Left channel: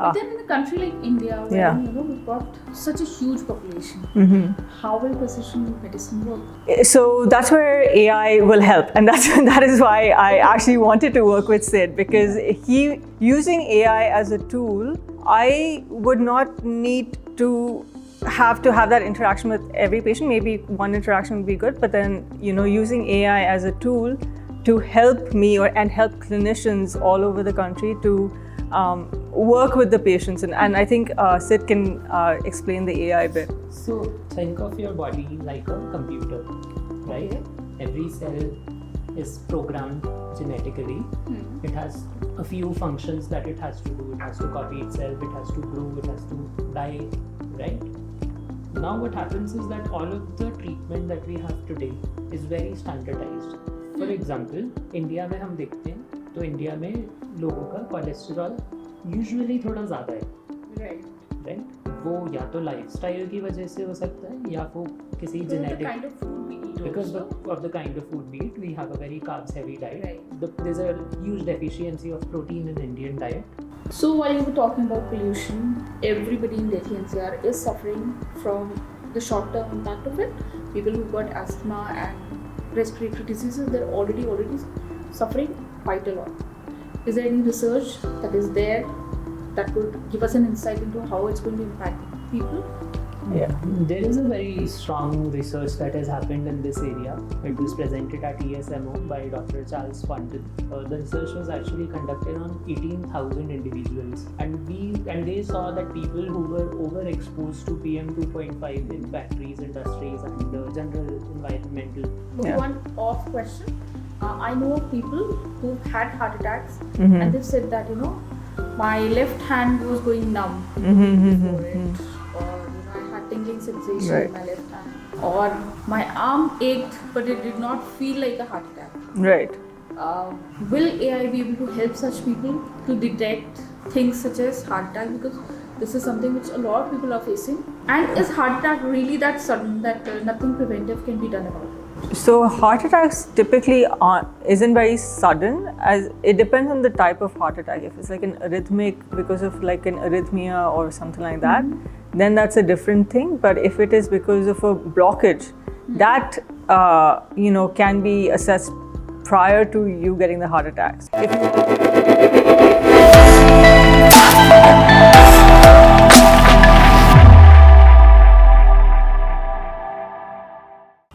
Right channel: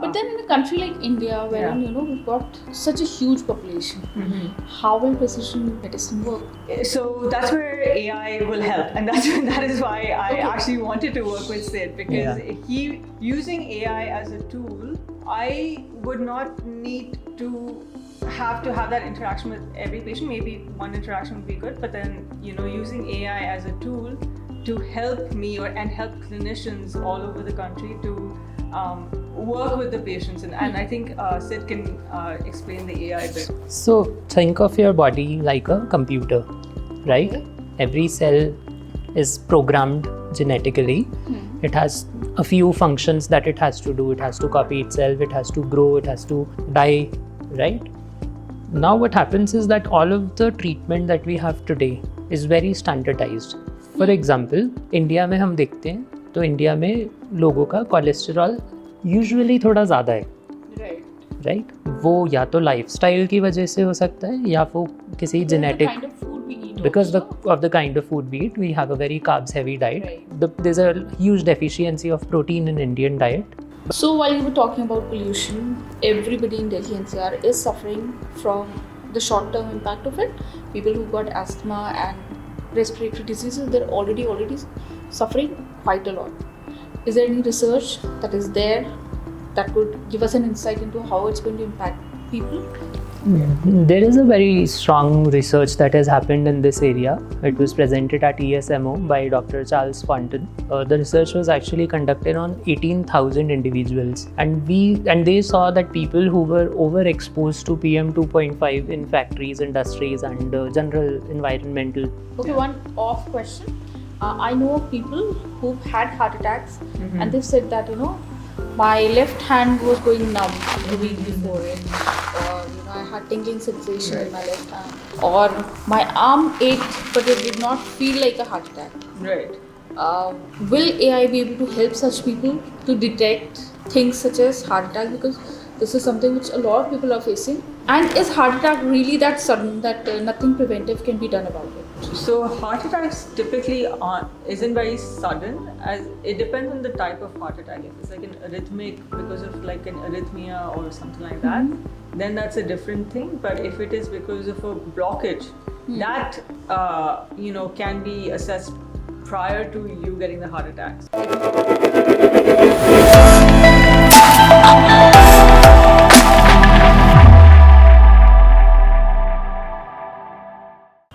But then in a country like India, where we've got such a huge population, how will precision medicine work? So that's where AI will help, and that is why I actually wanted to work with Sid, because he using AI as a tool, I would not need to have that interaction with every patient. Maybe one interaction would be good, but then using AI as a tool to help me and help clinicians all over the country to work with the patients, and I think Sid can explain the AI bit. So think of your body like a computer, right? Every cell is programmed genetically. It has a few functions that it has to do. It has to copy itself, it has to grow, it has to die, right? Now what happens is that all of the treatment that we have today is very standardized. For example, India में हम देखते हैं तो India में लोगों का cholesterol usually थोड़ा ज़्यादा है, राइट? वो या तो लाइफस्टाइल की वजह से हो सकता है या वो किसी genetic, because of the kind of food we eat, we have a very carbs heavy diet. There's a huge deficiency of protein in Indian diet. So while you were talking about pollution, everybody in Delhi NCR is suffering from the short-term impact of it. People who got asthma and respiratory diseases, they're already suffering quite a lot. Is there any research that is there that would give us an insight into how it's going to impact people? Yeah, there is a very strong research that has happened in this area. It was presented at ESMO by Dr. Charles Quanton. The research was actually conducted on 18,000 individuals, and they saw that people who were overexposed to PM 2.5 in factories, industries, and general environmental. Okay, one off question. I know people who've had heart attacks, and they've said that my left hand was going numb the week before it, or I had tingling sensation in my left hand, or my arm ached but it did not feel like a heart attack. Right. Will AI be able to help such people to detect things such as heart attack, because this is something which a lot of people are facing? And is heart attack really that sudden that nothing preventive can be done about it? So heart attacks typically isn't very sudden, as it depends on the type of heart attack. If it's like an arrhythmic because of like an arrhythmia or something like that, then that's a different thing. But if it is because of a blockage, that can be assessed prior to you getting the heart attacks.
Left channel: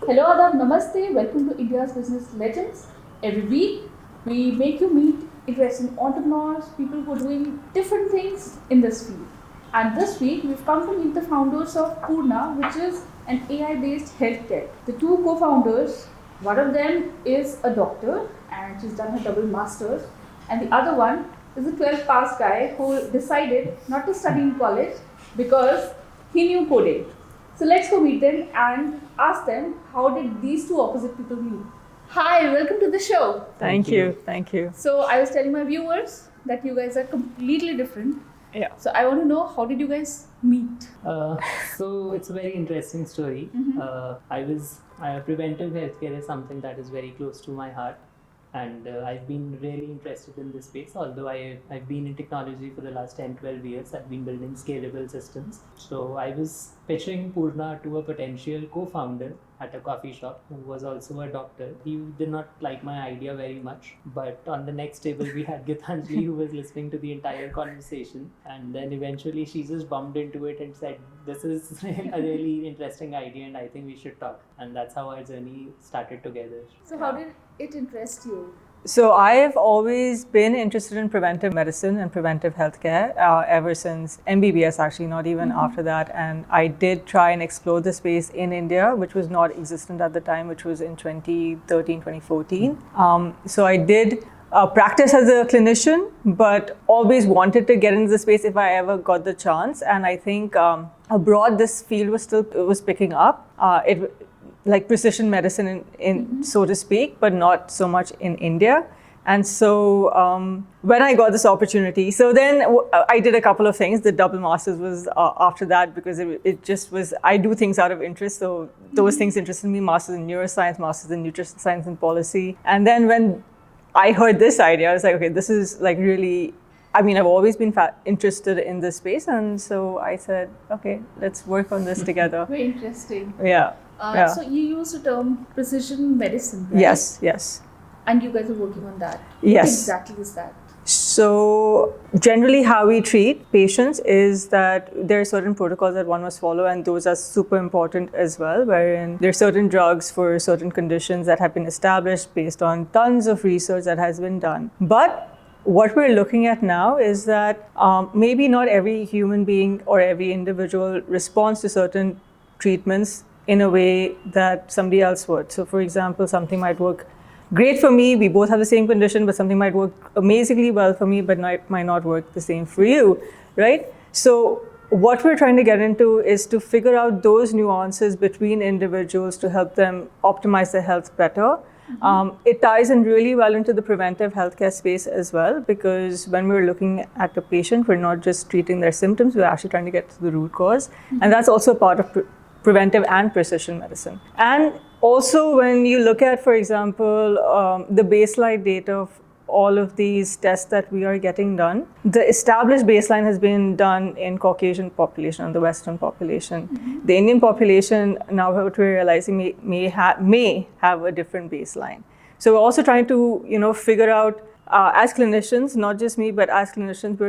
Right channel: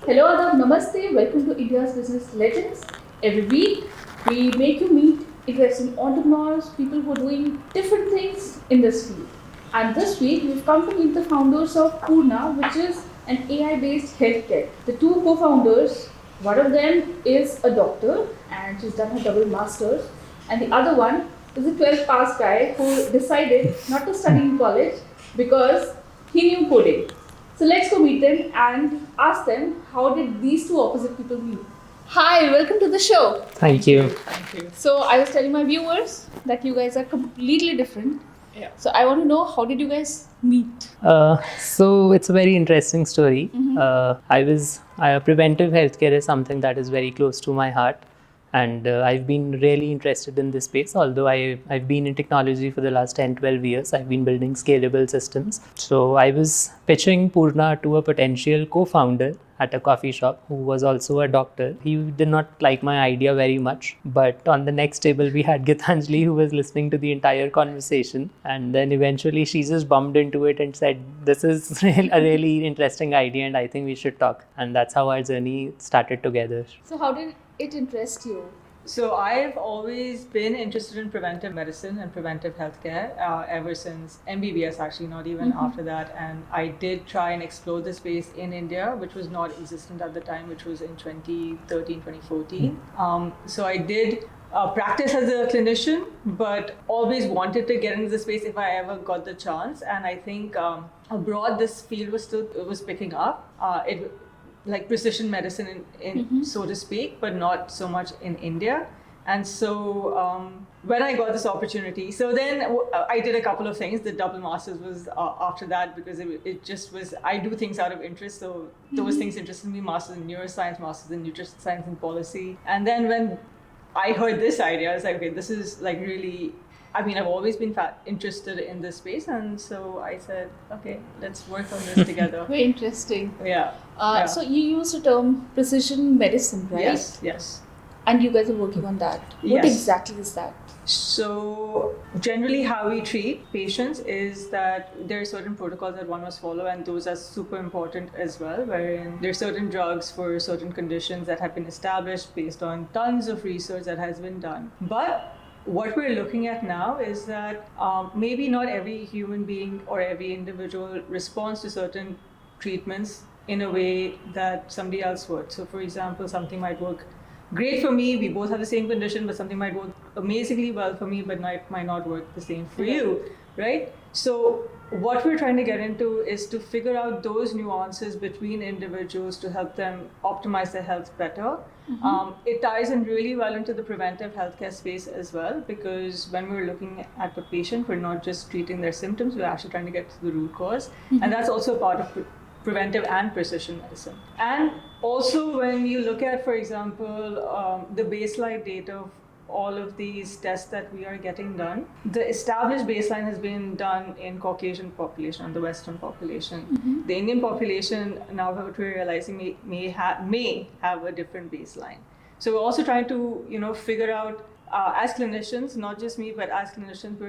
Hello, Adab, Namaste, welcome to India's Business Legends. Every week, we make you meet interesting entrepreneurs, people who are doing different things in this field. And this week, we've come to meet the founders of Purna, which is an AI-based health tech. The two co-founders, one of them is a doctor and she's done her double masters, and the other one is a 12th pass guy who decided not to study in college because he knew coding. So let's go meet them and ask them, how did these two opposite people meet? Hi, welcome to the show. Thank you. Thank you. So I was telling my viewers that you guys are completely different. Yeah. So I want to know, how did you guys meet? So it's a very interesting story. Preventive healthcare is something that is very close to my heart. And I've been really interested in this space. Although I've been in technology for the last 10-12 years, I've been building scalable systems. So I was pitching Purna to a potential co-founder at a coffee shop who was also a doctor. He did not like my idea very much. But on the next table, we had Gitanjali, who was listening to the entire conversation. And then eventually she just bumped into it and said, this is a really interesting idea and I think we should talk. And that's how our journey started together. So how did it interest you? So I have always been interested in preventive medicine and preventive healthcare ever since MBBS, actually, not even after that. And I did try and explore the space in India, which was not existent at the time, which was in 2013, 2014. So I did practice as a clinician, but always wanted to get into the space if I ever got the chance. And I think abroad, this field was picking up. Like precision medicine in so to speak, but not so much in India. And so when I got this opportunity, so then I did a couple of things. The double masters was after that, because it just was, I do things out of interest. So those things interested me, masters in neuroscience, masters in nutrition science and policy. And then when I heard this idea, I was like, okay, this is like really I mean, I've always been interested in this space, and so I said, okay, let's work on this together. Very interesting. Yeah. So you used the term precision medicine, right? Yes. And you guys are working on that. Yes. What exactly is that? So generally how we treat patients is that there are certain protocols that one must follow, and those are super important as well, wherein there are certain drugs for certain conditions that have been established based on tons of research that has been done. But what we're looking at now is that maybe not every human being or every individual responds to certain treatments in a way that somebody else would. So for example, something might work great for me, we both have the same condition, but something might work amazingly well for me, but might not work the same for you, right? So what we're trying to get into is to figure out those nuances between individuals to help them optimize their health better. It ties in really well into the preventive healthcare space as well, because when we're looking at a patient, we're not just treating their symptoms, we're actually trying to get to the root cause. And that's also a part of preventive and precision medicine. And also when you look at, for example, the baseline data of all of these tests that we are getting done, the established baseline has been done in Caucasian population, the Western population. The Indian population, now what we're realizing, may have a different baseline. So we're also trying to, figure out, as clinicians, not just me, but as clinicians,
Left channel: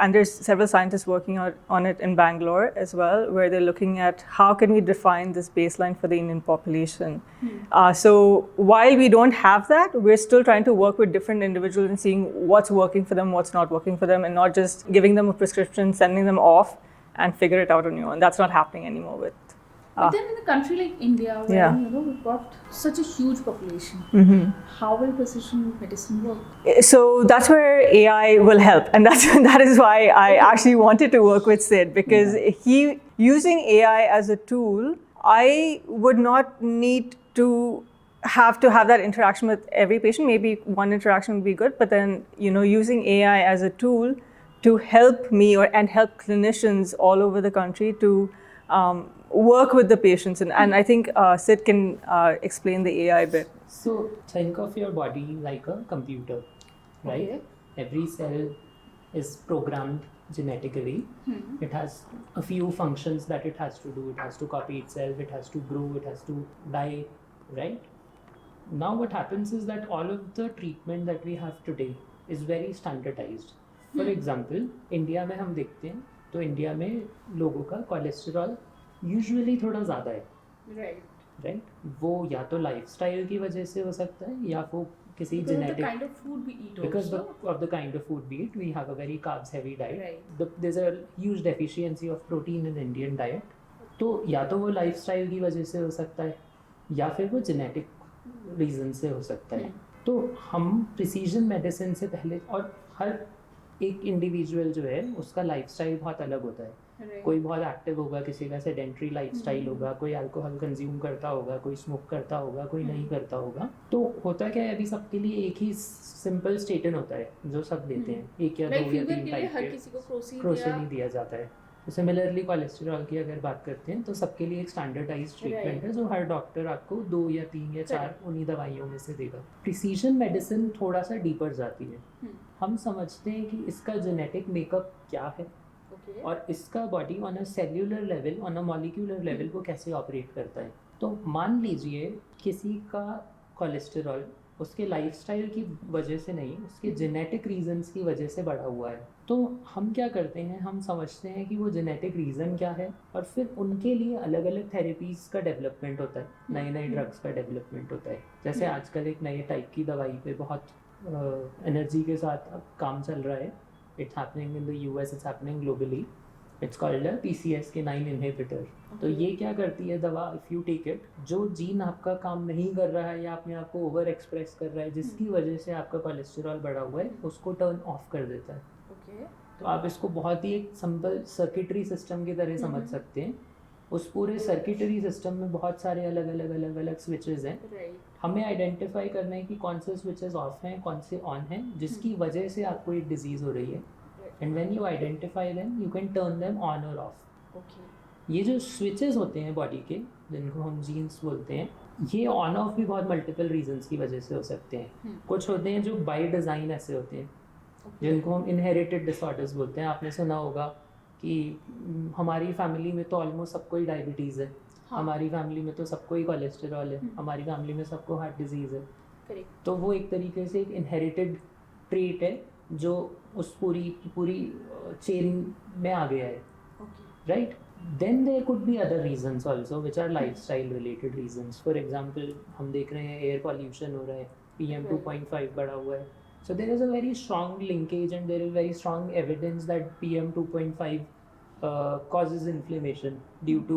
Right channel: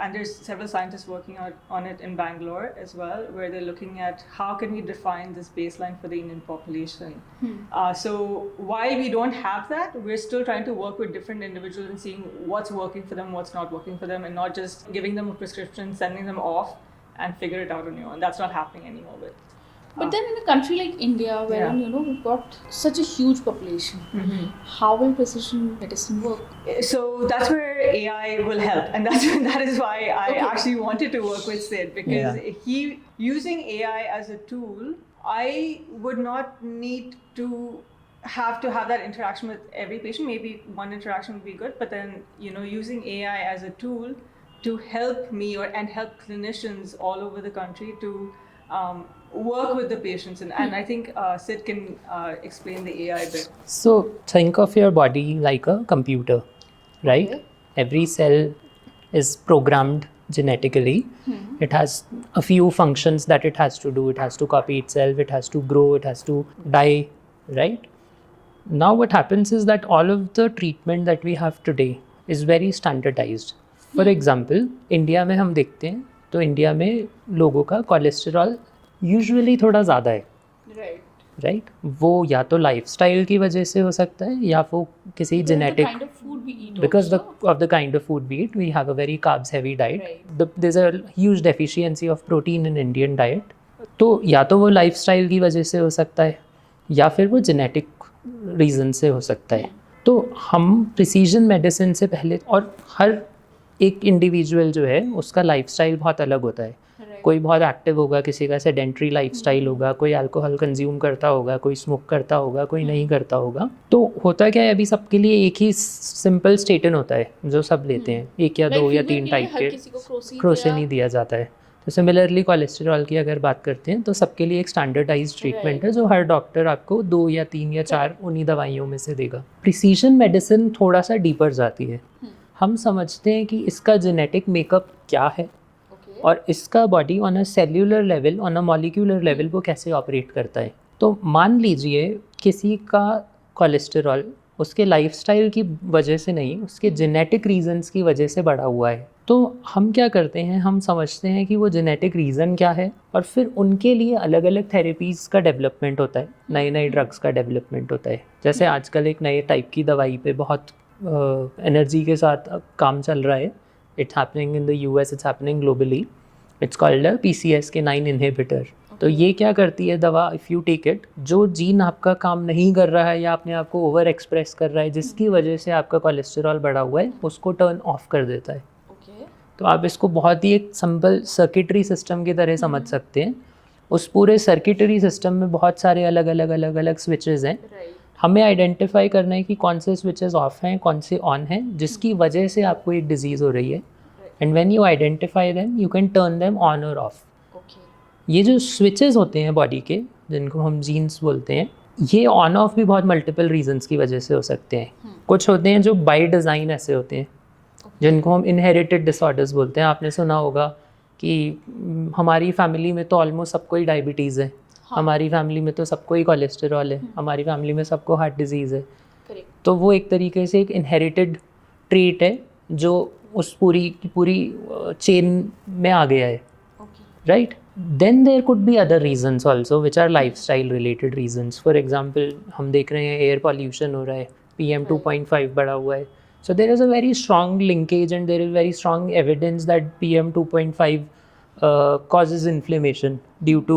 and there's several scientists working on it in Bangalore as well, where they're looking at how can we define this baseline for the Indian population. So while we don't have that, we're still trying to work with different individuals and seeing what's working for them, what's not working for them, and not just giving them a prescription, sending them off, and figure it out on your own. That's not happening anymore with. But then in a country like India, where we've got such a huge population, how will precision medicine work? So that's where AI will help, and that is why I actually wanted to work with Sid, because using AI as a tool, I would not need to have that interaction with every patient. Maybe one interaction would be good, but then using AI as a tool to help me and help clinicians all over the country to work with the patients, and I think Sid can explain the AI bit. So think of your body like a computer, right? Okay. Every cell is programmed genetically. It has a few functions that it has to do. It has to copy itself, it has to grow, it has to die, right? Now what happens is that all of the treatment that we have today is very standardized. For example, India में हम देखते हैं तो India में लोगों का cholesterol usually थोड़ा ज़्यादा है, राइट? वो या तो लाइफस्टाइल की वजह से हो सकता है, या वो किसी genetic, because of the kind of food we eat, we have a very carbs heavy diet. There's a huge deficiency of protein in Indian diet. तो या तो वो लाइफस्टाइल की वजह से हो सकता है, या फिर वो जेनेटिक रीज़न से हो सकता है. तो हम प्रिसीजन मेडिसिन से पहले, और हर एक इंडिविजुअल जो है उसका लाइफस्टाइल बहुत अलग होता है. कोई बहुत एक्टिव होगा, किसी का सेडेंट्री लाइफस्टाइल होगा, कोई अल्कोहल कंज्यूम करता होगा, कोई स्मोक करता होगा, कोई नहीं करता होगा. तो होता क्या है, अभी सबके लिए एक ही सिंपल स्टेटिन होता है जो सब लेते हैं, 1 या 2 या 3 टाइप के, क्रोसिन ही दिया जाता है. तो सिमिलरली कोलेस्ट्रॉल की अगर बात करते हैं तो सबके लिए एक स्टैंडर्डाइज्ड ट्रीटमेंट है जो हर डॉक्टर आपको 2 या 3 या 4 उन्हीं दवाइयों में से देगा. प्रिसीजन मेडिसिन थोड़ा सा डीपर जाती है. हम समझते हैं कि इसका जेनेटिक मेकअप क्या है और इसका body on a cellular level, on a molecular level वो कैसे ऑपरेट करता है. तो मान लीजिए किसी का कोलेस्टेरॉल उसके लाइफस्टाइल की वजह से नहीं, उसके जेनेटिक रीजंस की वजह से बढ़ा हुआ है. तो हम क्या करते हैं, हम समझते हैं कि वो जेनेटिक रीज़न क्या है, और फिर उनके लिए अलग अलग थेरेपीज़ का डेवलपमेंट होता है, नए नए ड्रग्स का डेवलपमेंट होता है. जैसे आजकल एक नए टाइप की दवाई पे बहुत एनर्जी के साथ काम चल रहा है. It's happening in the US, it's happening globally. It's called a PCSK9 inhibitor. तो ये क्या करती है दवा, इफ़ यू टेक इट, जो जीन आपका काम नहीं कर रहा है या अपने आप को ओवर एक्सप्रेस कर रहा है जिसकी वजह से आपका कोलेस्ट्रॉल बढ़ा हुआ है, उसको टर्न ऑफ कर देता है. तो आप इसको बहुत ही एक सिंपल सर्किटरी सिस्टम की तरह समझ सकते हैं. उस पूरे सर्किटरी सिस्टम में बहुत सारे अलग अलग स्विचेस हैं. हमें आइडेंटिफाई करना है कि कौन से स्विचेस ऑफ हैं, कौन से ऑन हैं, जिसकी वजह से आपको एक डिजीज़ हो रही है. And when you identify them you can turn them on और ऑफ. ये जो स्विचेस होते हैं बॉडी के, जिनको हम जीन्स बोलते हैं, ये ऑन ऑफ भी बहुत मल्टीपल रीजंस की वजह से हो सकते हैं. कुछ होते हैं जो बाय डिज़ाइन ऐसे होते हैं जिनको हम इनहेरिटेड डिसऑर्डर्स बोलते हैं. आपने सुना होगा कि हमारी फैमिली में तो ऑलमोस्ट सबको ही डायबिटीज़ है, हमारी फैमिली में तो सबको ही कोलेस्टेरॉल है, हमारी फैमिली में सबको हार्ट डिजीज़ है. तो वो एक तरीके से एक इनहेरिटेड ट्रेट है जो उस पूरी चेन में आ गया है, right. Then there could be other reasons also which are lifestyle related reasons. For example हम देख रहे हैं एयर पॉल्यूशन हो रहा है, PM 2.5 बढ़ा हुआ है. So there is a very strong linkage and there is very strong evidence that PM 2.5 causes inflammation due to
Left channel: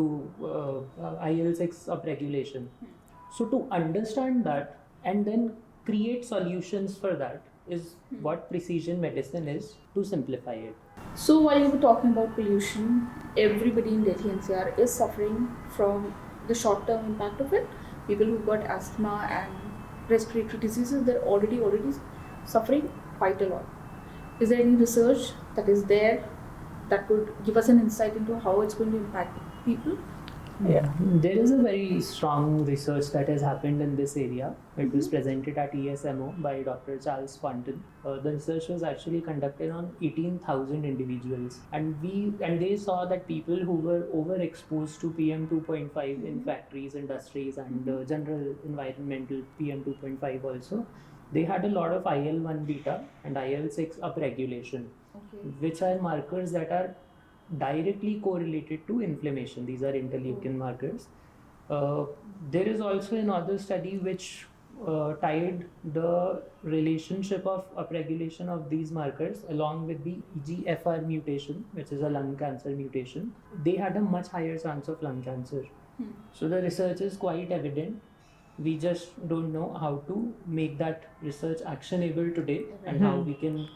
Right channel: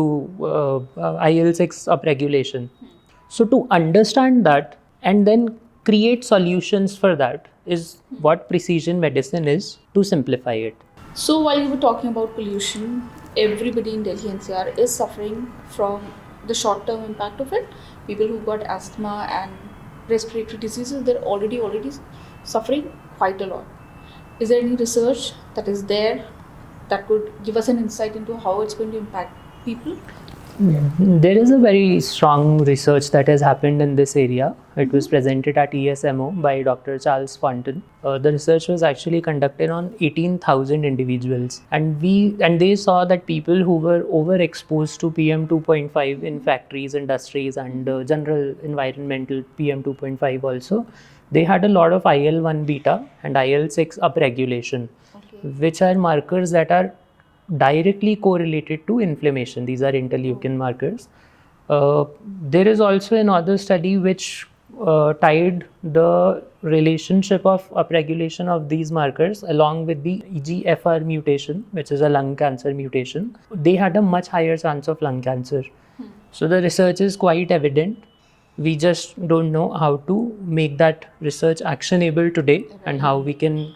IL-6 upregulation. So to understand that and then create solutions for that is what precision medicine is, to simplify it. So while you were talking about pollution, everybody in Delhi NCR is suffering from the short-term impact of it. People who got asthma and respiratory diseases, they're already suffering quite a lot. Is there any research that is there that would give us an insight into how it's going to impact people? Yeah, there is a very strong research that has happened in this area. It was presented at ESMO by Dr. Charles Fontaine. The research was actually conducted on 18,000 individuals, and they saw that people who were overexposed to PM 2.5 in factories, industries, and general environmental PM 2.5 also, they had a lot of IL-1 beta and IL-6 upregulation, which are markers that are directly correlated to inflammation. These are interleukin markers. There is also another study which tied the relationship of upregulation of these markers along with the EGFR mutation, which is a lung cancer mutation. They had a much higher chance of lung cancer. So the research is quite evident. We just don't know how to make that research actionable today and how we can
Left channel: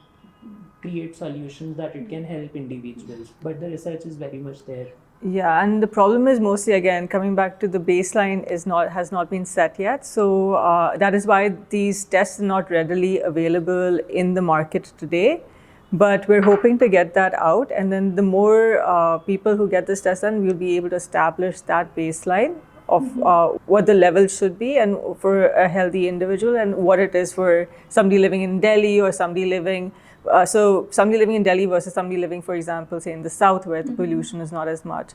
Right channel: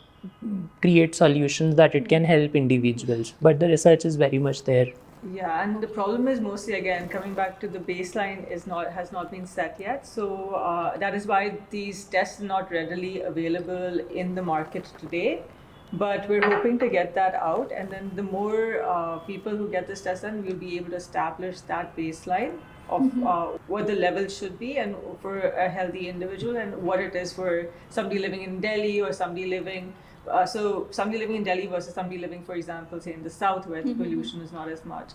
create solutions that it can help individuals. But the research is very much there. Yeah, and the problem is mostly, again, coming back to the baseline has not been set yet. So that is why these tests are not readily available in the market today. But we're hoping to get that out, and then the more people who get this test done, we'll be able to establish that baseline of what the level should be and for a healthy individual, and what it is for somebody living in Delhi or somebody living in Delhi versus somebody living, for example, say in the south where the pollution is not as much.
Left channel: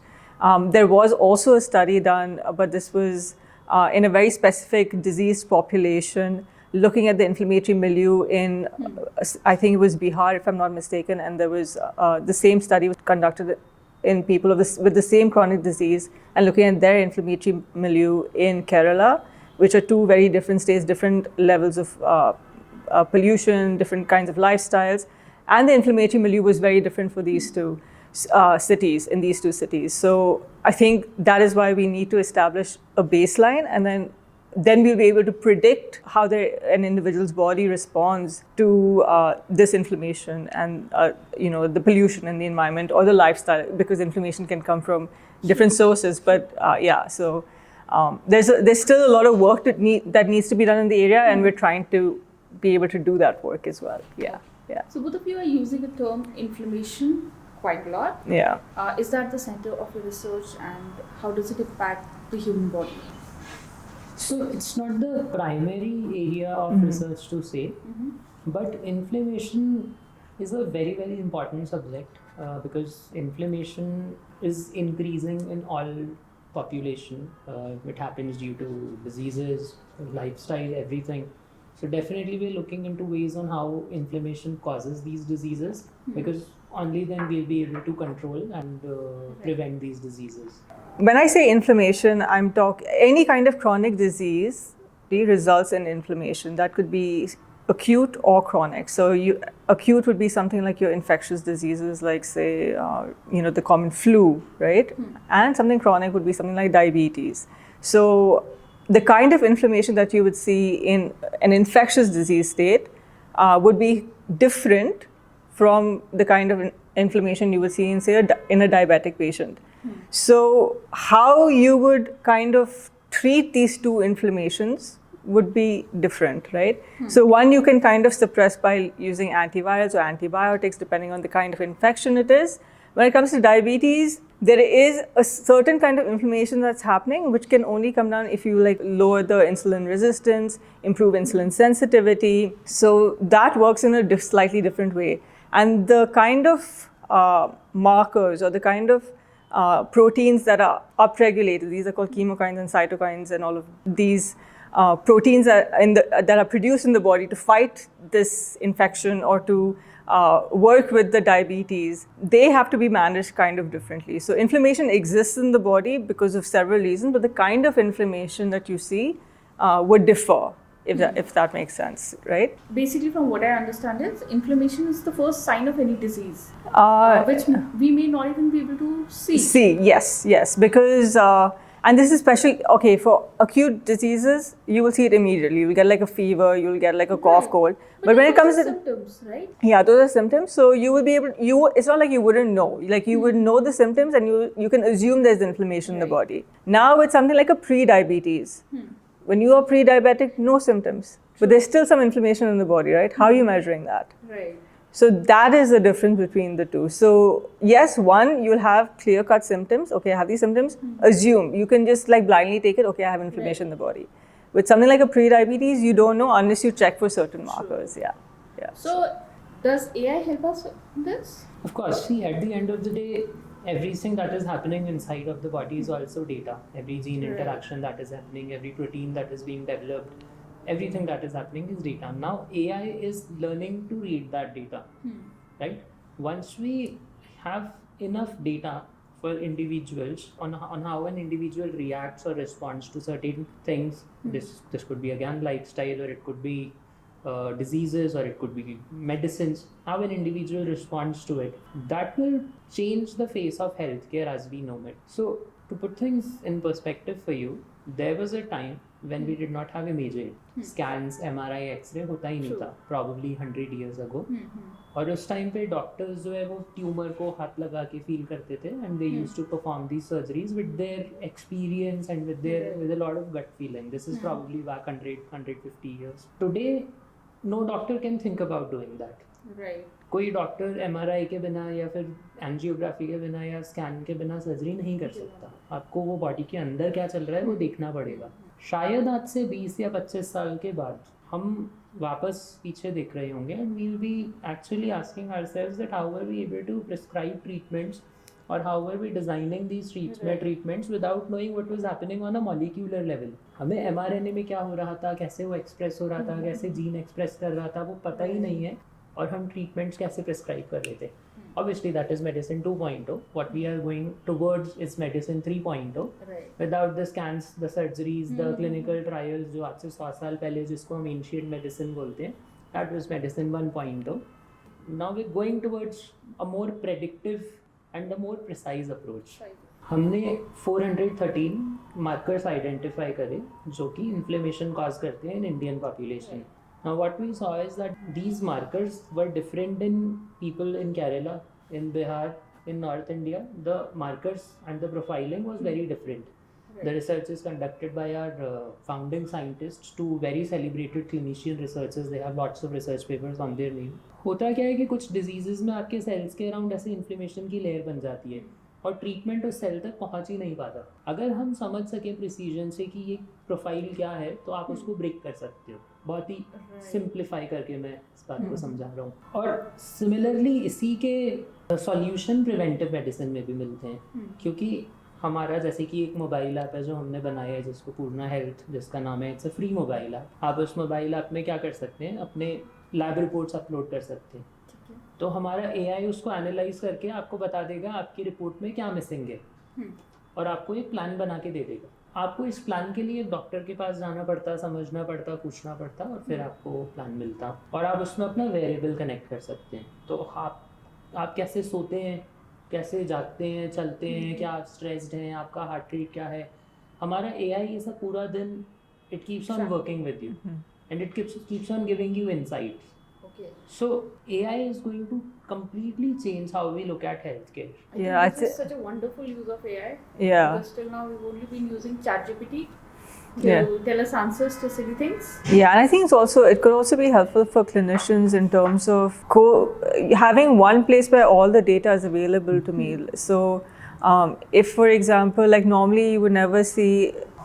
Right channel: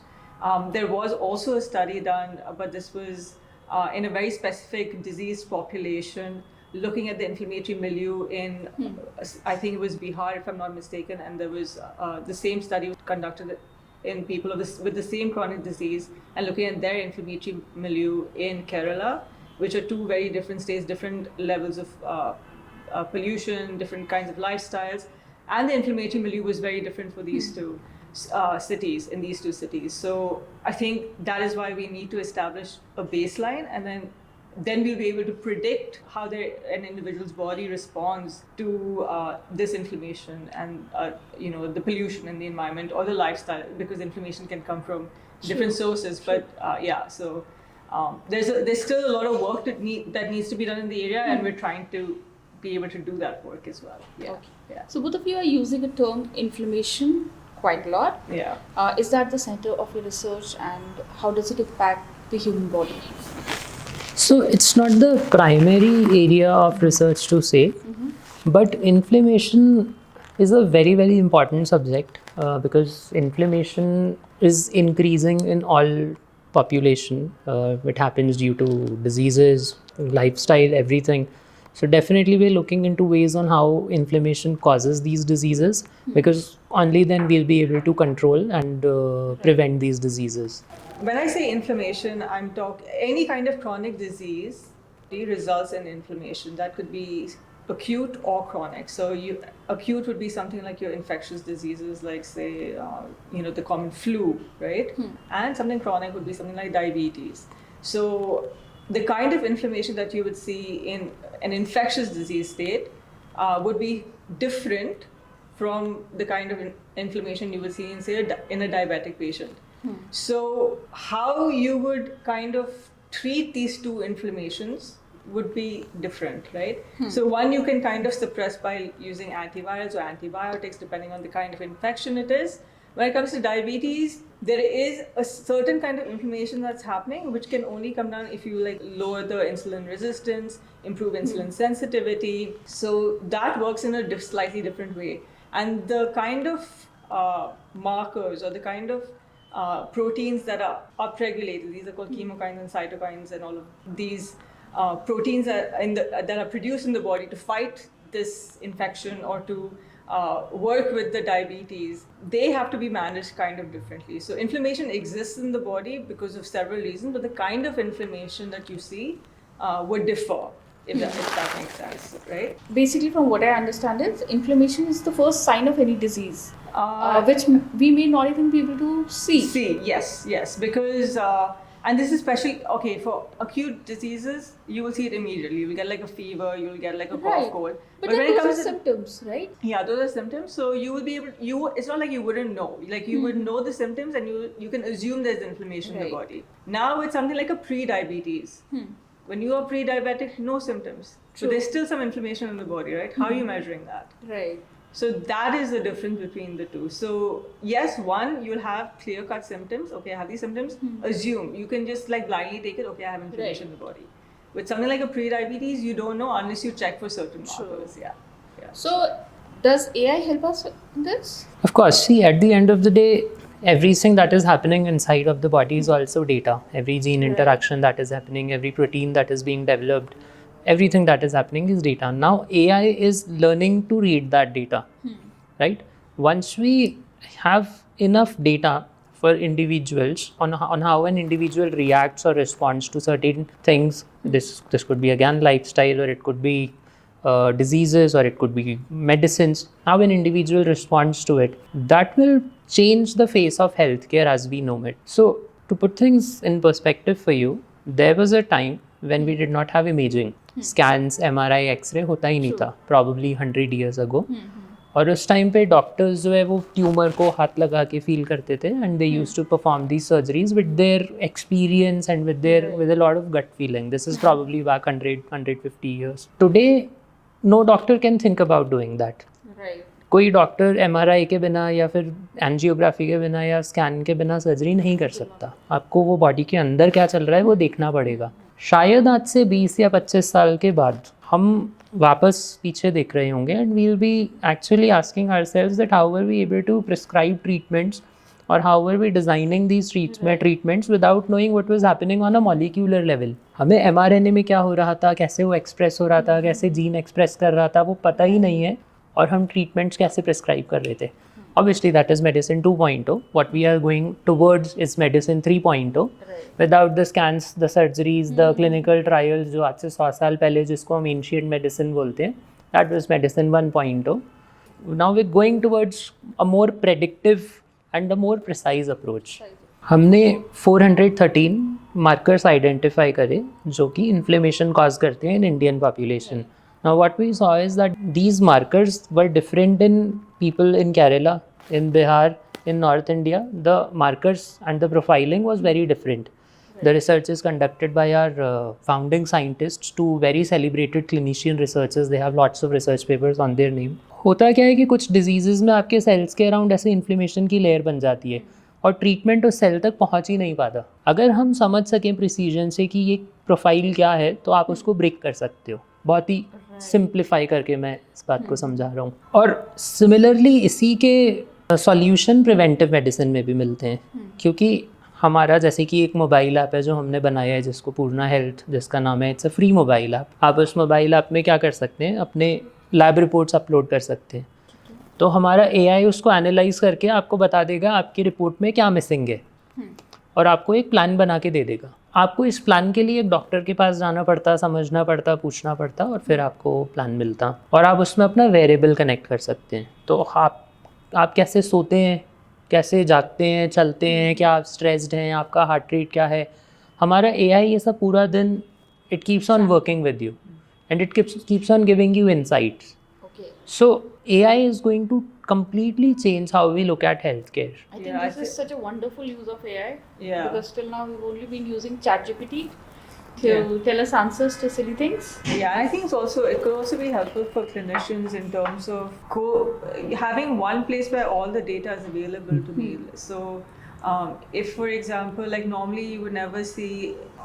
There was also a study done, but this was in a very specific diseased population, looking at the inflammatory milieu in, I think it was Bihar, if I'm not mistaken, and there was the same study was conducted in people with the same chronic disease and looking at their inflammatory milieu in Kerala, which are two very different states, different levels of pollution, different kinds of lifestyles, and the inflammatory milieu was very different for these two cities, in these two cities. So I think that is why we need to establish a baseline, and then we'll be able to predict how an individual's body responds to this inflammation and the pollution in the environment or the lifestyle, because inflammation can come from different sources. But so there's still a lot of work that needs to be done in the area, and we're trying to be able to do that work as well. Yeah. So both of you are using the term inflammation quite a lot. Yeah. Is that the center of your research, and how does it impact the human body? So it's not the primary area of research to say, but inflammation is a very, very important subject because inflammation is increasing in all population. It happens due to diseases, lifestyle, everything. So definitely we're looking into ways on how inflammation causes these diseases, because only then we'll be able to control and prevent these diseases. When I say inflammation, I'm talking any kind of chronic disease results in inflammation. That could be acute or chronic. So acute would be something like your infectious diseases, like say the common flu, right? And something chronic would be something like diabetes. So the kind of inflammation that you would see in an infectious disease state would be different from the kind of inflammation you would see in, say, in a diabetic patient. So how you would kind of treat these two inflammations would be different, right? So one you can kind of suppress by using antivirals or antibiotics, depending on the kind of infection it is. When it comes to diabetes, there is a certain kind of inflammation that's happening, which can only come down if you like lower the insulin resistance, improve insulin sensitivity. So that works in a slightly different way. And the kind of markers or the kind of proteins that are upregulated, these are called chemokines and cytokines, and all of these proteins that are produced in the body to fight this infection or to work with the diabetes, they have to be managed kind of differently. So inflammation exists in the body because of several reasons, but the kind of inflammation that you see would differ, if that makes sense, right? Basically, from what I understand is, inflammation is the first sign of any disease, which we may not even be able to see. Yes, because and this is especially okay for acute diseases. You will see it immediately. You'll get like a fever, you'll get like a cough, Right. cold. But when it comes to symptoms, right? yeah, those are symptoms. So you will be able. It's not like you wouldn't know. Like you would know the symptoms, and you can assume there's inflammation in the Right. body. Now it's something like a pre-diabetes. When you are pre-diabetic, no symptoms, but there's still some inflammation in the body, right? How are you measuring that? Right. So that is the difference between the two. So yes, one, you'll have clear-cut symptoms. Okay, I have these symptoms. Assume. You can just like blindly take it. Okay, I have inflammation in the body. With something like a pre-diabetes, you don't know unless you check for certain markers. Yeah. So, does AI help us with this? Of course, see, at the end of the day, everything that is happening inside of the body is also data. Every gene interaction that is happening, every protein that is being developed, everything that is happening is data. Now, AI is learning to read that data, right? Once we have enough data for individuals on how an individual reacts or responds to certain things, this could be again lifestyle, or it could be diseases, or it could be medicines, how an individual responds to it, that will change the face of healthcare as we know it. So to put things in perspective for you, there was a time when we did not have imaging. Scans, MRI, X-ray होता ही नहीं था, probably 100 years ago. और उस time पे doctors जो है वो tumour को हाथ लगा के फील करते थे, and they used to perform these surgeries with their experience and with a lot of gut feeling. This is probably back 150 years. Today no doctor can think about doing that. Right. कोई doctor MRI के बिना या फिर angiography के बिना या scan के बिना सर्जरी नहीं कर सकता. आपको वो बॉडी के अंदर क्या चल रहा है वो देखना पड़ेगा. शायद आज से 20 या 25 साल के बाद हम वापस पीछे देख रहे होंगे, and we will be actually asking ourselves that how were we able to prescribe treatments, और how were we designing these treatments without knowing what was happening on a molecular level. हमें mRNA में क्या हो रहा था, कैसे वो express हो रहा था, कैसे जीन एक्सप्रेस कर रहा था, वो पता ही नहीं है, और हम ट्रीटमेंट्स कैसे प्रिस्क्राइब कर रहे थे. Obviously that is medicine 2.0. What we are going towards is medicine 3.0. Without the scans, the surgeries, the clinical trials जो आज से 100 साल पहले जिसको हम ancient medicine बोलते हैं, that was medicine 1.0. Now we're going towards a more predictive and a more precise approach. हमने 413 markers identify करे जो कि inflammation cause करते हैं in Indian population. Now what we saw is that these markers were different in people in Kerala, in Bihar, in North India. The markers and the profiling was very different. The research is conducted by our founding scientists, two very celebrated clinician researchers. They have lots of research papers on their name. होता क्या है कि कुछ disease में आपके sales के around ऐसे inflammation की लेयर बन जाती है और ट्रीटमेंट उस सेल तक पहुंच ही नहीं पाता. अगर हम समझ सकें प्रिसीजन से कि ये प्रोफाइल क्या है तो आप उसको ब्रेक कर सकते हो. बहुत ही सिंप्लीफाई करके मैं इस बात को समझा रहा हूँ. और सिमिलरली इसी के सॉल्यूशन प्रिवेंटिव मेडिसिन में भी मिलते हैं, क्योंकि हमारा जैसे कि एक मोबाइल ऐप है जो हमने बनाया है जिसको पूर्णा हेल्थ, जिसका नाम है, it's a free mobile app. आप उस मोबाइल ऐप में क्या कर सकते हैं, अपने लैब रिपोर्ट्स अपलोड कर सकते हैं. तो हमारा AI उसको एनालाइज करके आपको बता देगा आपकी रिपोर्ट में क्या मिसिंग है, और आपको एक प्लान बना के दे देगा. आपको इस प्लान के लिए एक डॉक्टर के पास जाना पड़ता, समझना पड़ता, पूछना पड़ता, और फिर आपको प्लान मिलता, और आप उसमें अपना वेरिएबल कनेक्ट कर सकते हैं. तो आप कैसे सोते हैं, कैसे जागते हैं, चलते हैं, क्या आप स्ट्रेस्ड हैं, आपका हार्ट रेट क्या है, हमारा AI ये सब पूरा दिन it keeps on working with you, and it keeps on giving you insights. So AI is going to completely change how we look at healthcare. I think this is such a wonderful use of AI. Yeah. Because till now we've only been using ChatGPT to tell us answers to silly things. Yeah, and I think it could also be helpful for clinicians in terms of having one place where all the data is available to me. So If, for example, like normally you would never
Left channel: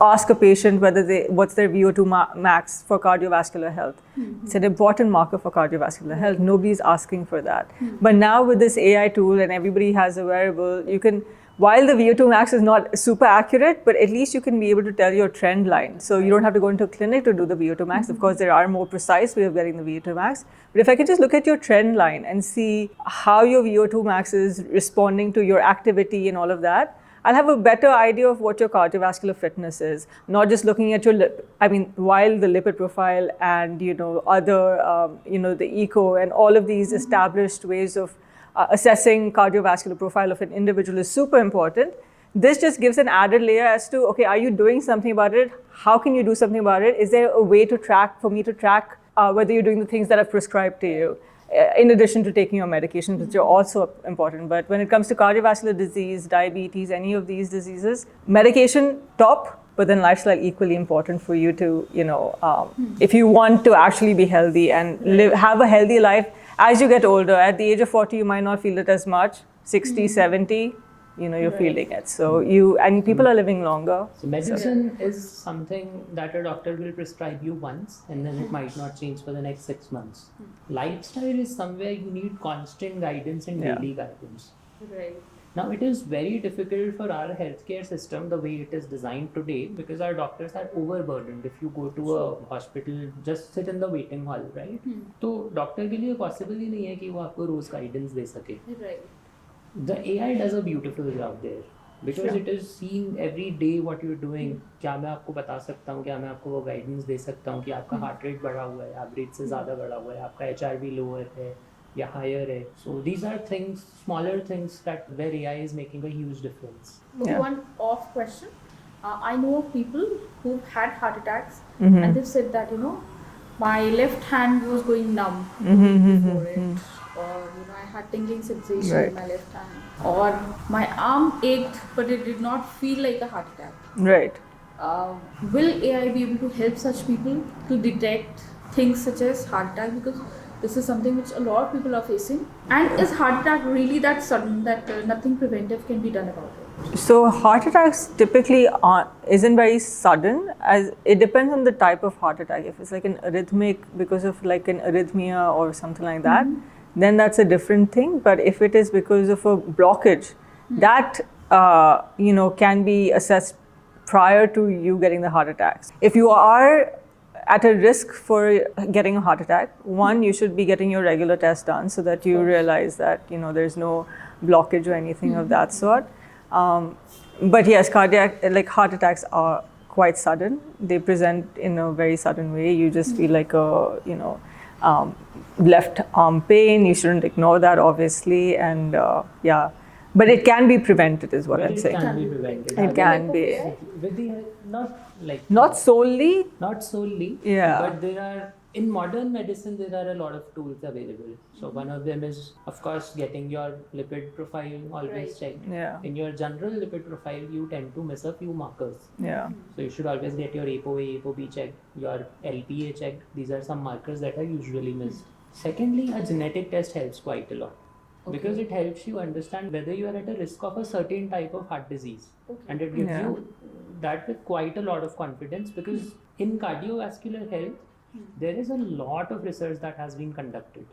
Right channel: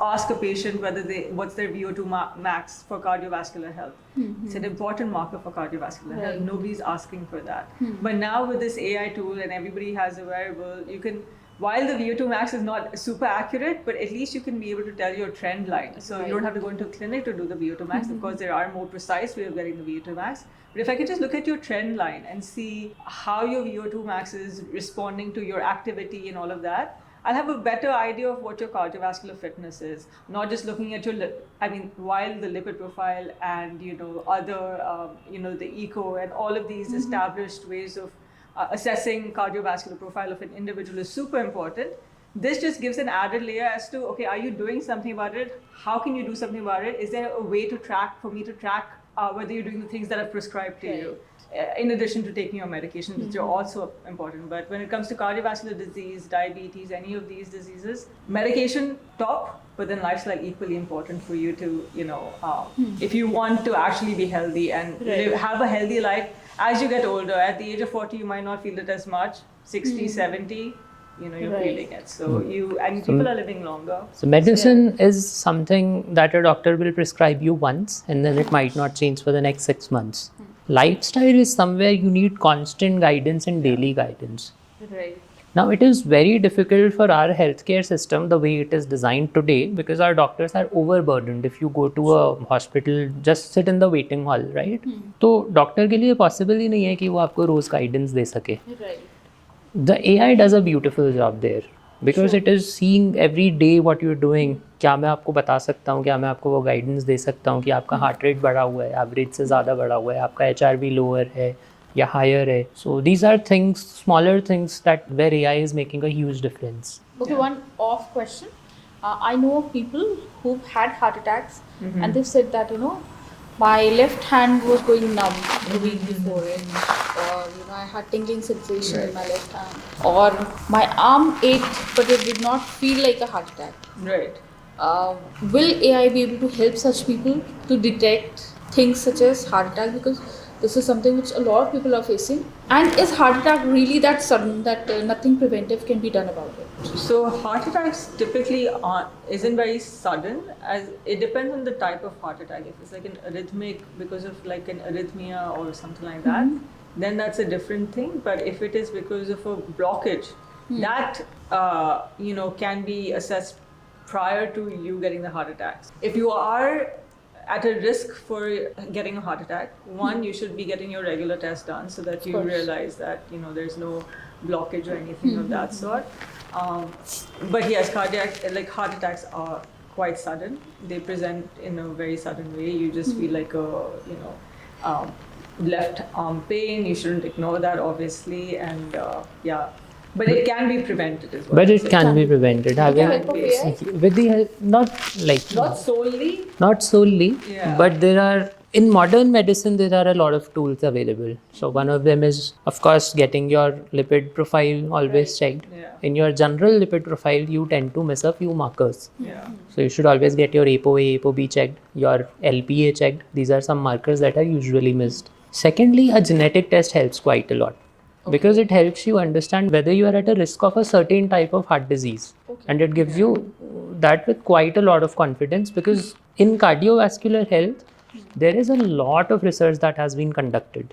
ask a patient what's their VO2 max for cardiovascular health. It's an important marker for cardiovascular health. Nobody's asking for that. But now with this AI tool and everybody has a wearable, you can, while the VO2 max is not super accurate, but at least you can be able to tell your trend line. So you don't have to go into a clinic to do the VO2 max. Of course, there are more precise ways of getting the VO2 max. But if I could just look at your trend line and see how your VO2 max is responding to your activity and all of that, I'll have a better idea of what your cardiovascular fitness is. Not just looking at your while the lipid profile and other the echo and all of these established ways of assessing cardiovascular profile of an individual is super important. This just gives an added layer as to, okay, are you doing something about it? How can you do something about it? Is there a way to track whether you're doing the things that are prescribed to you, in addition to taking your medications, which are also important. But when it comes to cardiovascular disease, diabetes, any of these diseases, medication top, but then lifestyle equally important for you to, if you want to actually be healthy and have a healthy life. As you get older, at the age of 40, you might not feel it as much. 60, 70, you're feeling it. So people are living longer. So medicine is something that a doctor will prescribe you once, and then it might not change for the next 6 months. Lifestyle is somewhere you need constant guidance and daily guidance. Right. Now, it is very difficult for our healthcare system the way it is designed today, because our doctors are overburdened. If you go to a hospital, just sit in the waiting hall, right? तो doctor के लिए possible ही नहीं है कि वो आपको रोज guidance दे सके. The AI does a beautiful job there, because it is seeing every day what you're doing. क्या मैं आपको बता सकता हूँ, क्या मैं आपको वो गाइडेंस दे सकता हूँ कि आपका हार्ट रेट बढ़ा हुआ है, एवरेज से ज़्यादा बढ़ा हुआ है, आपका HRV लोअर है या higher है. So these are things, smaller things that where AI is making a huge difference. Okay, one off question. I know of people who've had heart attacks and they've said that, my left hand was going numb the week before it, or I had tingling sensation in my left hand, or my arm ached but it did not feel like a heart attack. Right. Will AI be able to help such people to detect things such as heart attack? Because this is something which a lot of people are facing. And is heart attack really that sudden that nothing preventive can be done about it? So heart attacks typically isn't very sudden, as it depends on the type of heart attack. If it's like an arrhythmic because of like an arrhythmia or something like that, then that's a different thing. But if it is because of a blockage, that can be assessed prior to you getting the heart attacks. If you are at a risk for getting a heart attack, one, you should be getting your regular test done so that you realize that there's no blockage or anything of that sort. But yes, heart attacks are quite sudden. They present in a very sudden way. You just feel like a left arm pain. You shouldn't ignore that, obviously, and but it can be prevented as well. But it can be prevented. It can be. With the help, not solely. Not solely. Yeah. But there are, in modern medicine, there are a lot of tools available. So one of them is, of course, getting your lipid profile always checked. Yeah. In your general lipid profile, you tend to miss a few markers. Yeah. So you should always get your ApoA, ApoB checked, your LPA checked. These are some markers that are usually missed. Secondly, a genetic test helps quite a lot. Because it helps you understand whether you are at a risk of a certain type of heart disease. And it gives you that with quite a lot of confidence, because in cardiovascular health, there is a lot of research that has been conducted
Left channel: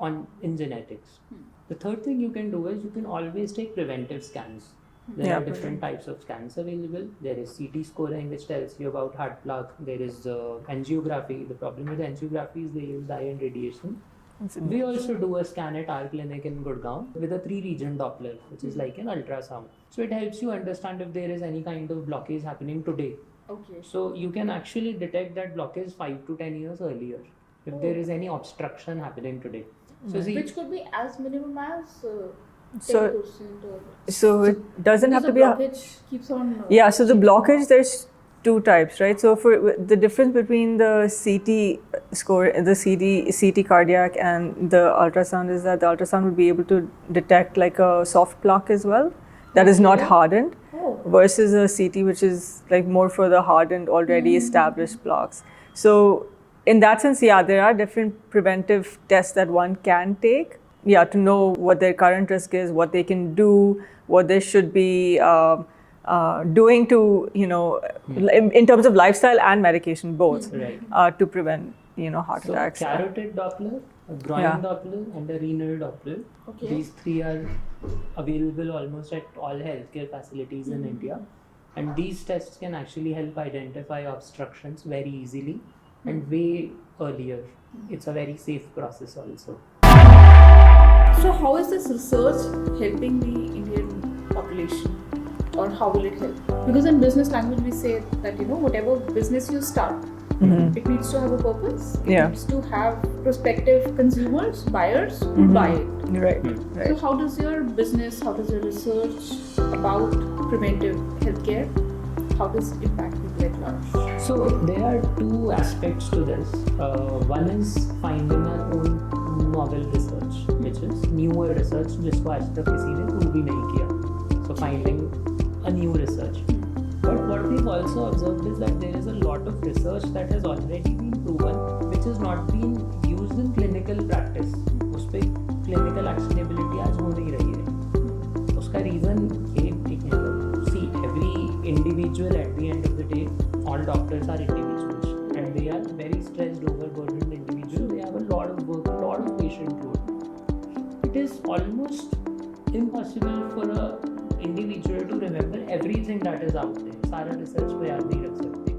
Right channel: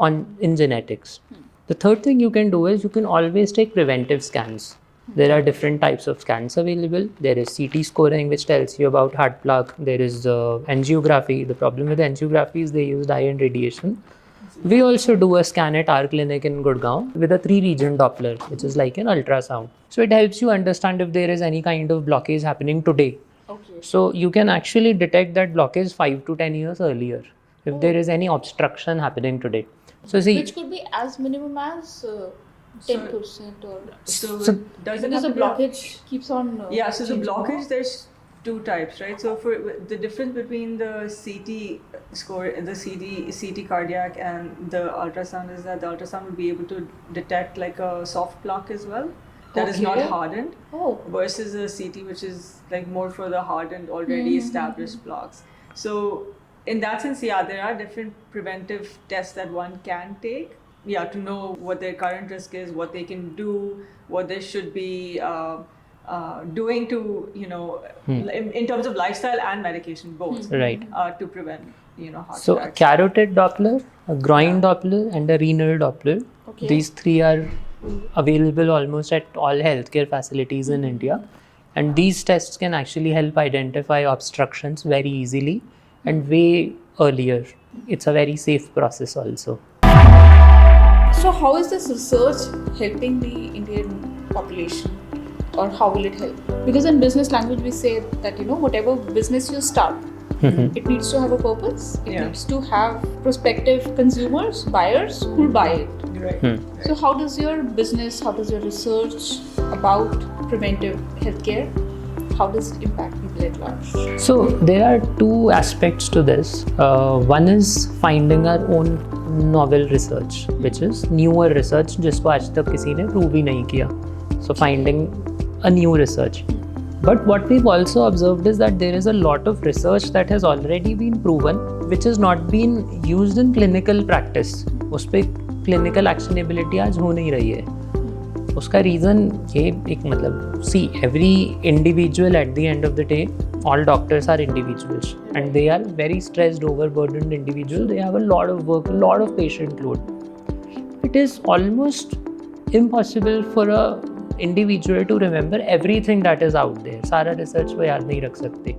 in genetics. The third thing you can do is you can always take preventive scans. There are different types of scans available. There is CT scoring, which tells you about heart plaque. There is angiography. The problem with angiography is they use iron radiation. We also do a scan at our clinic in Gurgaon with a 3-region Doppler, which is like an ultrasound. So it helps you understand if there is any kind of blockage happening today. Okay. So you can actually detect that blockage 5 to 10 years earlier if there is any obstruction happening today. So see, which could be as minimum as 10% or... So it doesn't have to be... blockage keeps on... so the blockage, there's 2 types, right? So for the difference between the CT score, the CT cardiac and the ultrasound is that the ultrasound will be able to detect like a soft plaque as well that is not hardened, versus a CT which is like more for the hardened, already established plaques. So in that sense, there are different preventive tests that one can take. to know what their current risk is, what they can do, what they should be doing to, in terms of lifestyle and medication both, Right. to prevent, heart So attacks. carotid Doppler, a groin Doppler, and a renal Doppler. Okay. These three are available almost at all healthcare facilities in India. And these tests can actually help identify obstructions very easily and way earlier. It's a very safe process also. So how is this research helping the Indian population, or how will it help? Because in business language we say that whatever business you start, it needs to have a purpose. It needs to have prospective consumers, buyers who buy it. Right. So how does your business, how does your research about preventive healthcare, how does it impact people at large? So there are two aspects to this. One is finding our own novel research, which is newer research जिसको आज तक किसी ने prove ही नहीं किया. So finding a new research. But what we've also observed is that there is a lot of research that has already been proven, which has not been used in clinical practice. उस पे clinical actionability आज हो नहीं रही है. उसका reason ये एक मतलब, see, every individual at the end of the day, all doctors are individuals and they are very stressed, overburdened individuals. They have a lot of work, a lot of patient load. It is almost impossible for a individual to remember everything that is out there. सारा research वो याद नहीं रख सकते.